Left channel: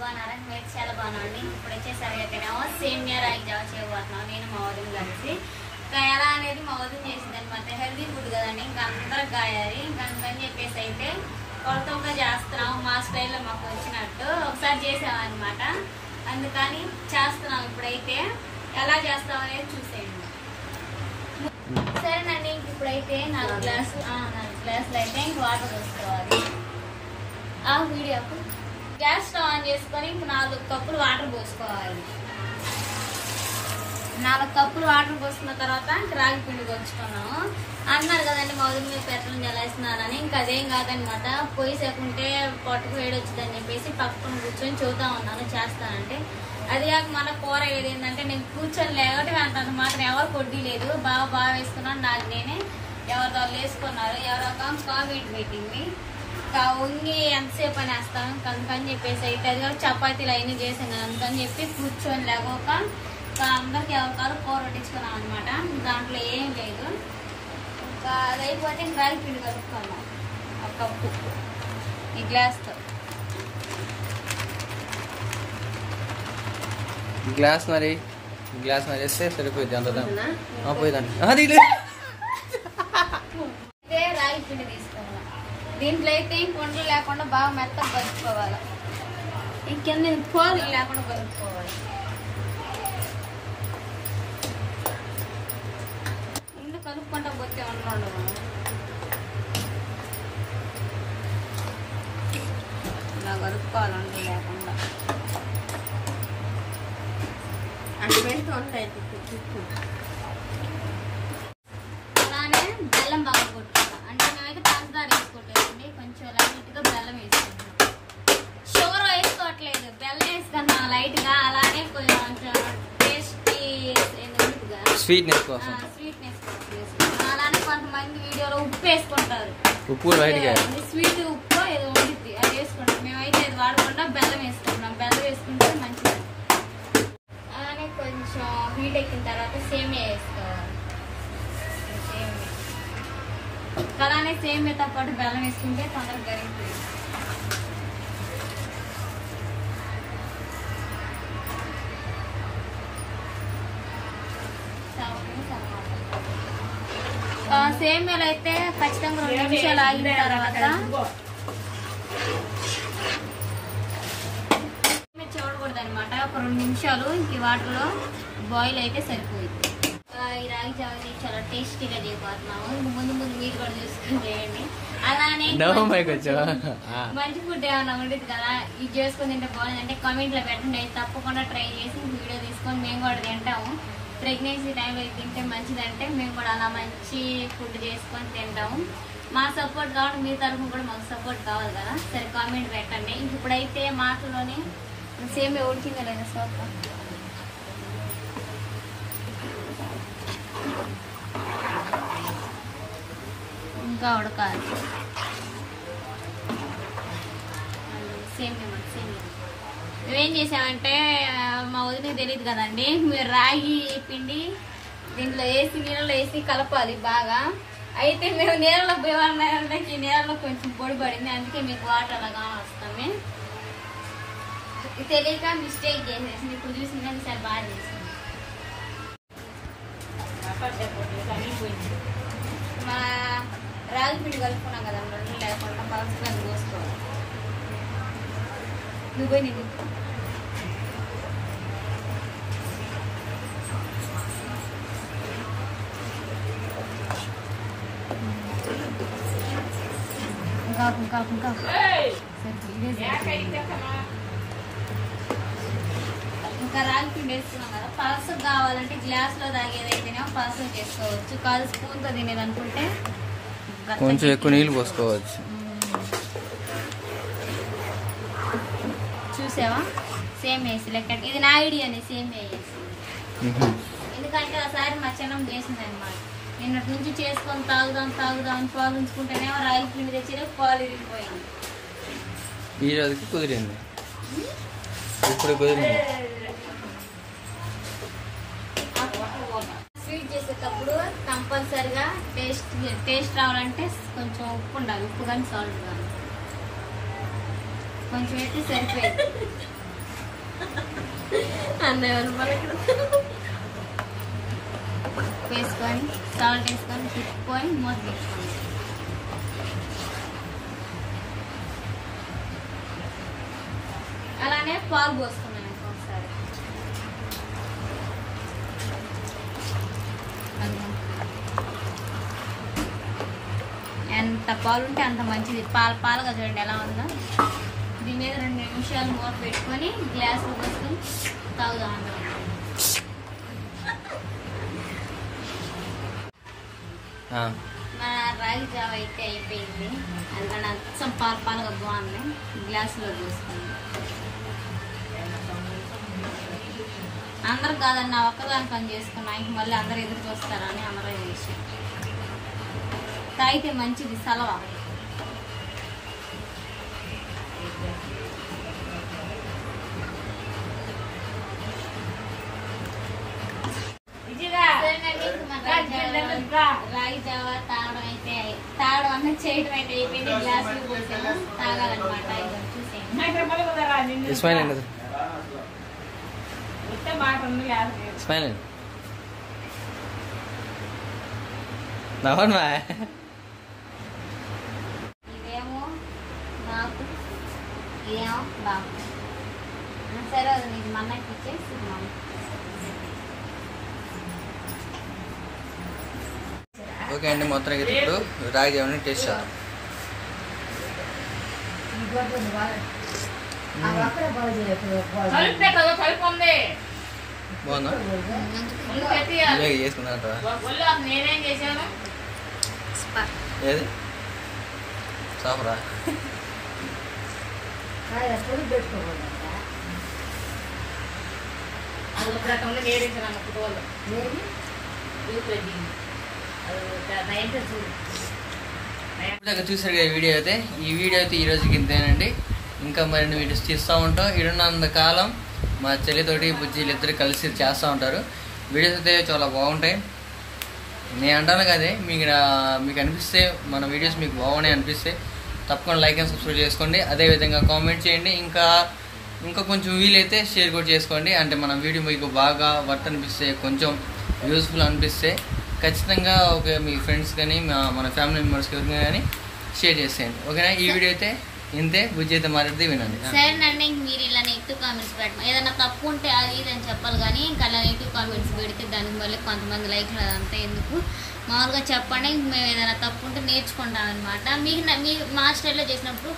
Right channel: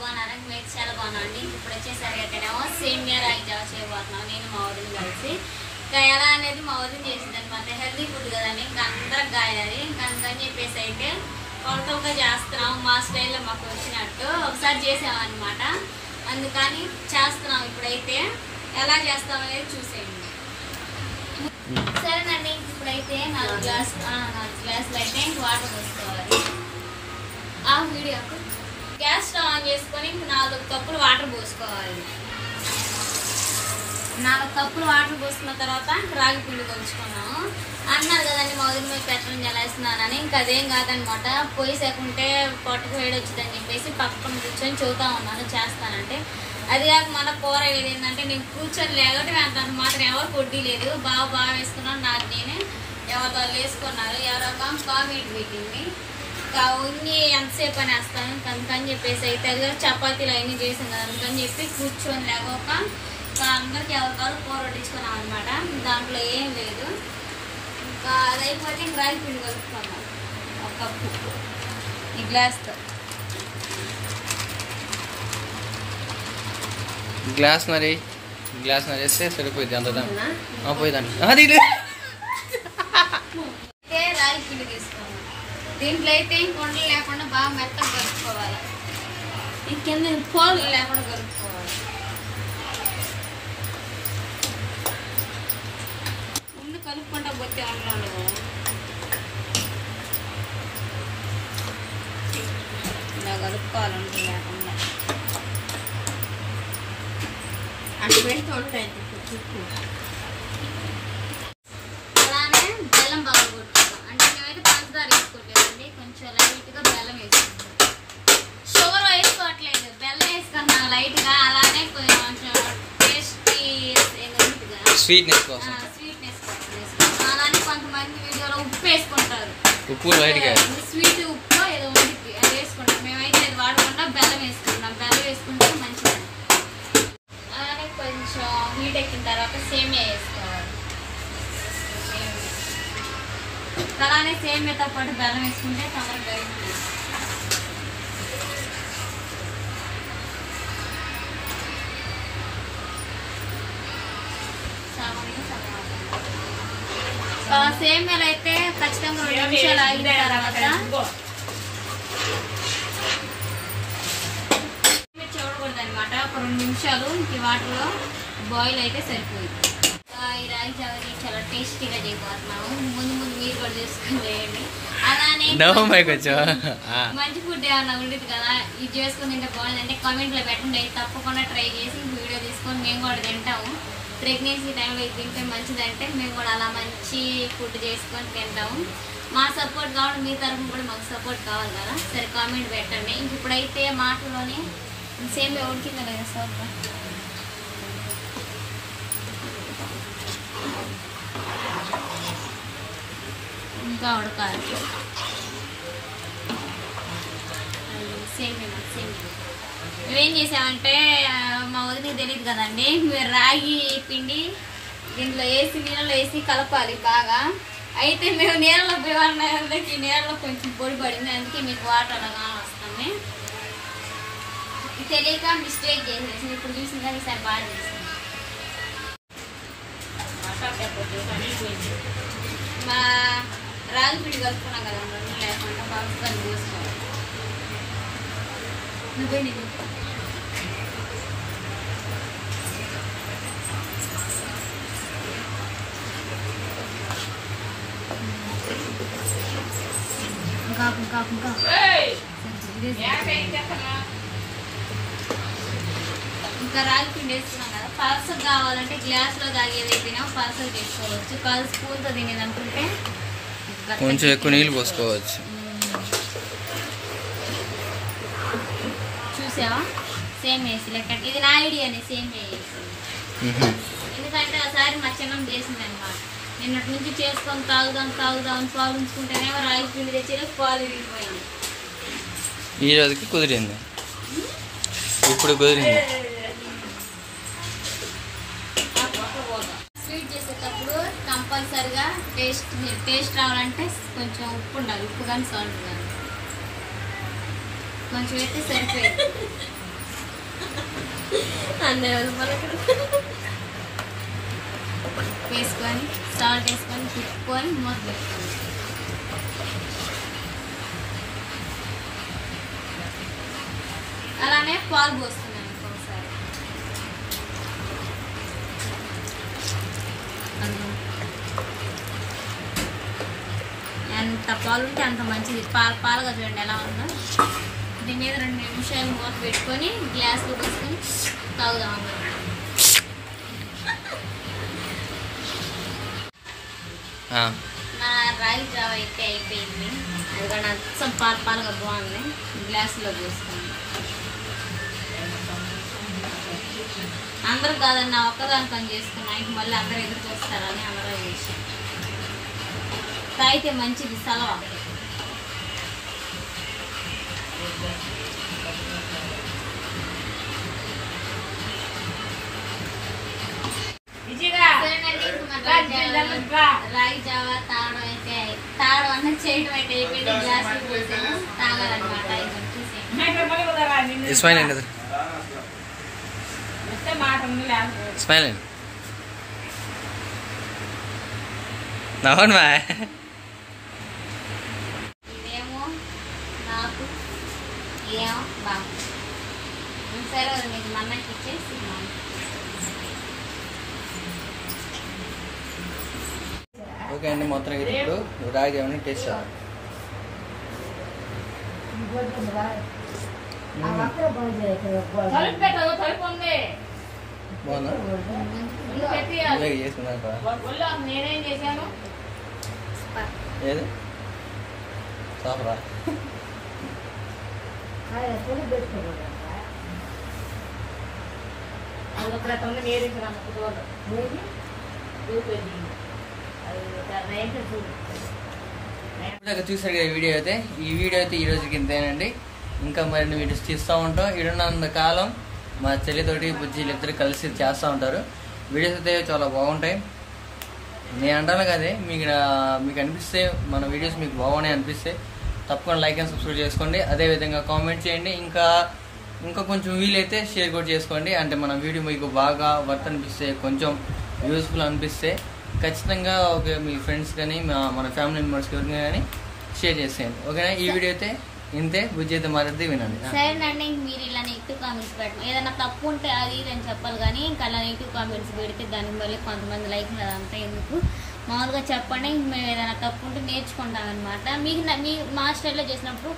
బాగున్నారా? మీరు చాలా బాగున్నాండి. ఇప్పుడు వచ్చేసరికి అయితేనేమో సేమియా రాగి జావ చేయబోతున్నాం నేను మా వదిన కలిసి. ఇంకా ఎలా అనేది మా వదిన చేసింది అనమాట. హెల్తీ ఫుడ్ కదండి, ఇంకా అందరికి గాయాలి. ఇంకా అందుకని చెప్పేసి అయితే కొత్తగా చేస్తున్నాం, మా స్టైల్లో మాకు వచ్చినట్టు ఒకసారి చేసామన్నమాట. అందుకని చేస్తున్నాం. ఇప్పుడైతే ఎలా చేస్తాం అనేది చూసేయండి. సరేనండి, ఇప్పుడైతే 4 గ్లాసులు అయితే ఇంక వాటర్ పోసుకోవాలి. ఆ వీడియో గ్యాస్ స్టవ్ ఆన్ చేసుకొని ఇంక 4 కప్పులు వాటర్ పోసుకోవాలి. 4 కప్పులు వాటర్ పోసుకున్న తర్వాత ఇంక రాగి పిండి కొలుచుకున్నాము. అన్నారు కదండి మా వదిన మీద పెట్టడం ఎలా వేస్తున్నారని. ఇంకా అదేం కాదనమాట. పొయ్యి సేకుంటే పొట్టకు వేడి వచ్చిందని చెప్పేసి పక్కన కూర్చొని చూద్దాం ఉన్నాను చేస్తానంటే. అది కాక మన కూర ఏదేంటంటే నేను కూర్చొని లేకపోతే అంత మాత్రం ఎవరు కొడ్డీ లేదు. బాగా వేసుకున్నాను. నాకు నేనే ఎవరితో వేసుకున్నారు. ఎవరో కామెంట్ పెట్టింది. ఇంకా ఉంగి ఎంతసేపు అని వేస్తాను అందుకని చెప్పేసి అయితే అది కాక చపాతీలు అవన్నీ చేసాం కదా అందుకని చెప్పి కూర్చొని లేకపోక అందరికి ఎవరికారు కూర వడ్డించుకున్నాం అనమాట. దాంట్లో ఏం లేదు. ఇంకా అది అయిపోతే ఇంకా రాగి పిండి కలుపుకున్నాం 1 కప్పు ఈ గ్లాస్తో. గ్లాస్ వేస్తే సరిపోయింది. అంత పోయిందండి. రాగి పిండి తీసుకున్నాం. దీంట్లో అయితే ఇంక ఉండలు లేకుండా బాగా మెత్తగా కలుపుకోవాలి. ఇంకెందు పోలు లేకుండా కలుపుకోవాలి. ముందు కలుపుకుంటా పోతే ఉండవు. ఇలా కలుపుకోవాలి ఉండలు లేకుండా. అటు పెడుతూ ఉంటాయి చుట్టూ. అలానే బెల్లం బాగా కొట్టుకుంటాం. అంటే మేమైతే పంచదార వేసుకోవట్లేదండి, కొంచెం లైట్గా బెల్లం వేసుకుంటాం. షుగర్ వేసుకోవట్లేదు, బెల్లం వేసుకున్నాం లైట్గా. అలానే కొంచెం టేస్టీ స్వీట్నెస్ కోసం అలానే కొంతమంది వీడియోలో ఉప్పు వేసుకుంటారు. ఉప్పు లైట్గా స్వీట్ ఉప్పు ఏదో వండిద్ది అది వేసుకుంటాం. మేమైతే అది వాడకుండా బెల్లం వేసుకుంటాం. బెల్లం వేసుకుంటే మంచిది. అలానే కొంచెం హీట్ ఎక్కిన తర్వాత సేమియా వేసుకోవాలి. అలానే సేమియాతో పాటు బెల్లం వేసుకుంటే తొందరగా కరుగుతుంది. సేమియాలు అయితే ఖచ్చితంగా 2 నిమిషాలు ఆగిన తర్వాత చూడకూడదు అనమాట. ఒక 2 నిమిషాలు ఈ వాటర్లో బాయిల్ అయితే సరిపోయింది. ఈ రాగి జావని చాలా టేస్టీగా చేయబోతున్నాము. ముందు మీరు కూడా చేసుకుని చేయండి. అలానే మంచి ఫుడ్ ఏమన్నా ఉండేది కదా ఇది చేసుకుని తింటే బాగుందంటే కామెంట్లో పెట్టండి. తప్పకుండా ట్రై చేసి వీడియో తీసుకొని మేము కూడా తింటాము. ప్రెగ్నెన్సీ టైంలో ఇది తింటే మంచిదంటే మేము కూడా అలా మంచి ఫుడ్ చేసుకొని తింటాము. మా సపోర్ట్ కావాలి, మీ తరఫున కూడా మాకు సపోర్ట్ కావాలి కదా. సరే కామెంట్ పెట్టండి. ఇంక ఇప్పుడైతే మాటలోనే సేమియా ఉడికిందా లేదా సోప్ ఇంకా ఉడకాలి. సేమియా మేమేం చేసామంటే మా వదినకి తెలియదు కదండి, మీరు రాగి పిండి దీంట్లో వేసి నీళ్ళలో వేసి కలపాలి బాగా. అయితే మేము నీళ్ళలో పోయి నీళ్ళలో కొంచెం పొడి పడింది, అందుకే మీకు వాటర్ అలాగా వస్తుంది. ఇది తెలియక మిస్టేక్ చేసేసి ఇప్పుడు చూసింది కానీ ఈసారి బాగా చేసింది. మా రాగి పిండి కలుపుకున్నాం కదా లేకుండా బాగా పోసుకోవాలి. నువ్వే నేను ఇంకా రాగి పిండి వేసుకున్నాం కదా. పలసగా కావాలంటే గ్లాస్లో తాగేదైతేనే పలసగా చేసుకోవచ్చు. 1 స్పూన్తో తినేది అనుకుంటే కొంచెం ఎక్కువ నీళ్ళు పోసుకోవచ్చు. చూసావా సేమ్ వేసి లెక్క. ఇది నా ఐడియానే సేమ్ వేసి. ఎందుకంటే ఒకసారి మా చిన్నం చేసింది అనమాట. నిన్నటి నుంచి చేసుకొని తాగుదాం పాలు ఉంచుకుంటేనే రాగి పిండి తెచ్చి పాలు విరిగిపోయింది. ఈ రోజుకి కుదిరింది, ఇప్పుడు కుదిరింది. స్వీట్ చేసేటప్పుడు కంపల్సరిగా టేస్ట్ రావాలంటే కొంచెం ఉప్పు ఉండాలి. ఉప్పు కానీ సాల్ట్ కానీ కొంచెం అయితే సరిపోయింది. అన్నయ్య మనకి వేసుకొని సాల్ట్ వేసుకొని తిప్పుకొని మూత పెట్టుకోండి. అలానే పాలు పోస్తున్నాను ఇంకొకసారి. ఎంత పాలు ఉంటే అంత మంచిది. పాలుగా చూడండి ఎలా ఉందో. దీని మీద 2 నిమిషాలు మూత పెట్టుకొని గ్లాస్లో పోసుకొని తాగుదాం అందరం. నా రాగి జావ అయితే అయిపోయింది. అది కూడా అచ్చం పాలుగా బాగుంది. గ్లాసులో పోసుకోండి. అందరూ కాదండి, నా ఒక్కదాని పని చేసుకున్నా. ఇంక మళ్ళీ అందరూ ఎదురు చూస్తారని అందరూ చేసి తాగితే మంచిది సలవ. రాగి జావ తాగడం అంటే చేయడం అయితే అయిపోయింది. గ్లాసులు పోసాను తాగాలన్నమాట. స్మైల్ అండి, స్మైల్ అండి. నవ్వండి మా. ఇదేమో నాకు ఏమో బాగు. సరే అది మీకు మన్నకి ఇచ్చేసి ఓకే అండి, మొత్తం ఇప్పుడు రాగి జావని టేస్ట్ చేద్దాం. బాగుందా? చేసుకున్నారా? నేనేం చేశాను ఏది సాఫరా? చూసారు కదా వీడియో అయితే. ఈ వీడియో అయితే ఈ రోజుకి ఇంతేనండి. ఇంకా మరిన్ని వీడియోస్ తీస్తూ ఉంటాం. ఇడున్నంత కాలం మా చెల్లితోటి బుజ్జీలు ఇద్దరు కలిసి చేస్తూ ఉంటారు. వీడియోస్ అయితే చాలా బాగుంటాయి. నేను అంటాను కదే, మీకు అనిపిస్తే మన వీడియోస్ మీకు బాగున్నాయి అనిపిస్తే తప్పకుండా లైక్ అండ్ సబ్స్క్రైబ్ చేసుకోండి. అదేవిధంగా కామెంట్ చేయండి. ఇంకా కొంచెం వీలైతే షేర్ కూడా చేసుకోండి. అంటే మన వీడియో మీకు బాగా వర్త్ అనిపిస్తే, కొంచెం యూస్ఫుల్ అనిపిస్తే ఖచ్చితంగా మీ ఫ్రెండ్స్ కానీ మన ఫ్యామిలీ మెంబర్స్కి ఎవరికైనా కానీ షేర్ చేసేయండి. ఓకేనా? ఈ వీడియో అయితే ఇంతే. బుజ్జి అయితే మాట్లాడితే వినండి. సరేనండి. మీరు ఇలా నెగిటివ్ కామెంట్స్ పెట్టడం, ఏదైనా తప్పు ఉంటే అది ఇది అని చెప్పాలి. కానీ ఇంకా అలా నెగిటివ్ కామెంట్స్ పెడితే దానికి మళ్ళీ కొంతమంది లైక్లు అదంతా ఎందుకు, మామూలుగా చెప్పండి. మేము ఏదైనా తప్పు ఉంటే నేర్చుకుంటాం అనమాట. మీ మా స్టైల్లో చేసినప్పుడు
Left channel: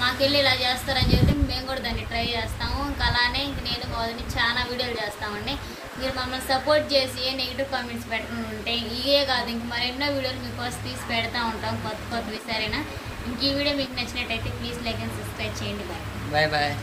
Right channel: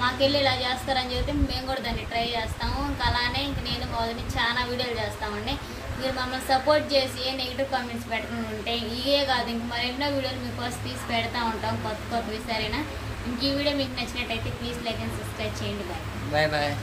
మాకెళ్ళి ఇలా చేస్తారని చెప్తే మేము కూడా దాన్ని ట్రై చేస్తాము. ఇంకా అలానే ఇంక నేను మొదటి చాలా వీడియోలు చేస్తామండి. మీరు మమ్మల్ని సపోర్ట్ చేసి ఏ నెగిటివ్ కామెంట్స్ పెట్టకుండా ఉంటే ఇవే కాదు ఇంక మరెన్నో వీడియోలు మీకోసం తీసి పెడతా ఉంటాం కొత్తవి. సరేనా? ఇంక ఈ వీడియో మీకు నచ్చినట్టయితే ప్లీజ్ లైక్ అండ్ సబ్స్క్రైబ్ చేయండి. Bye bye.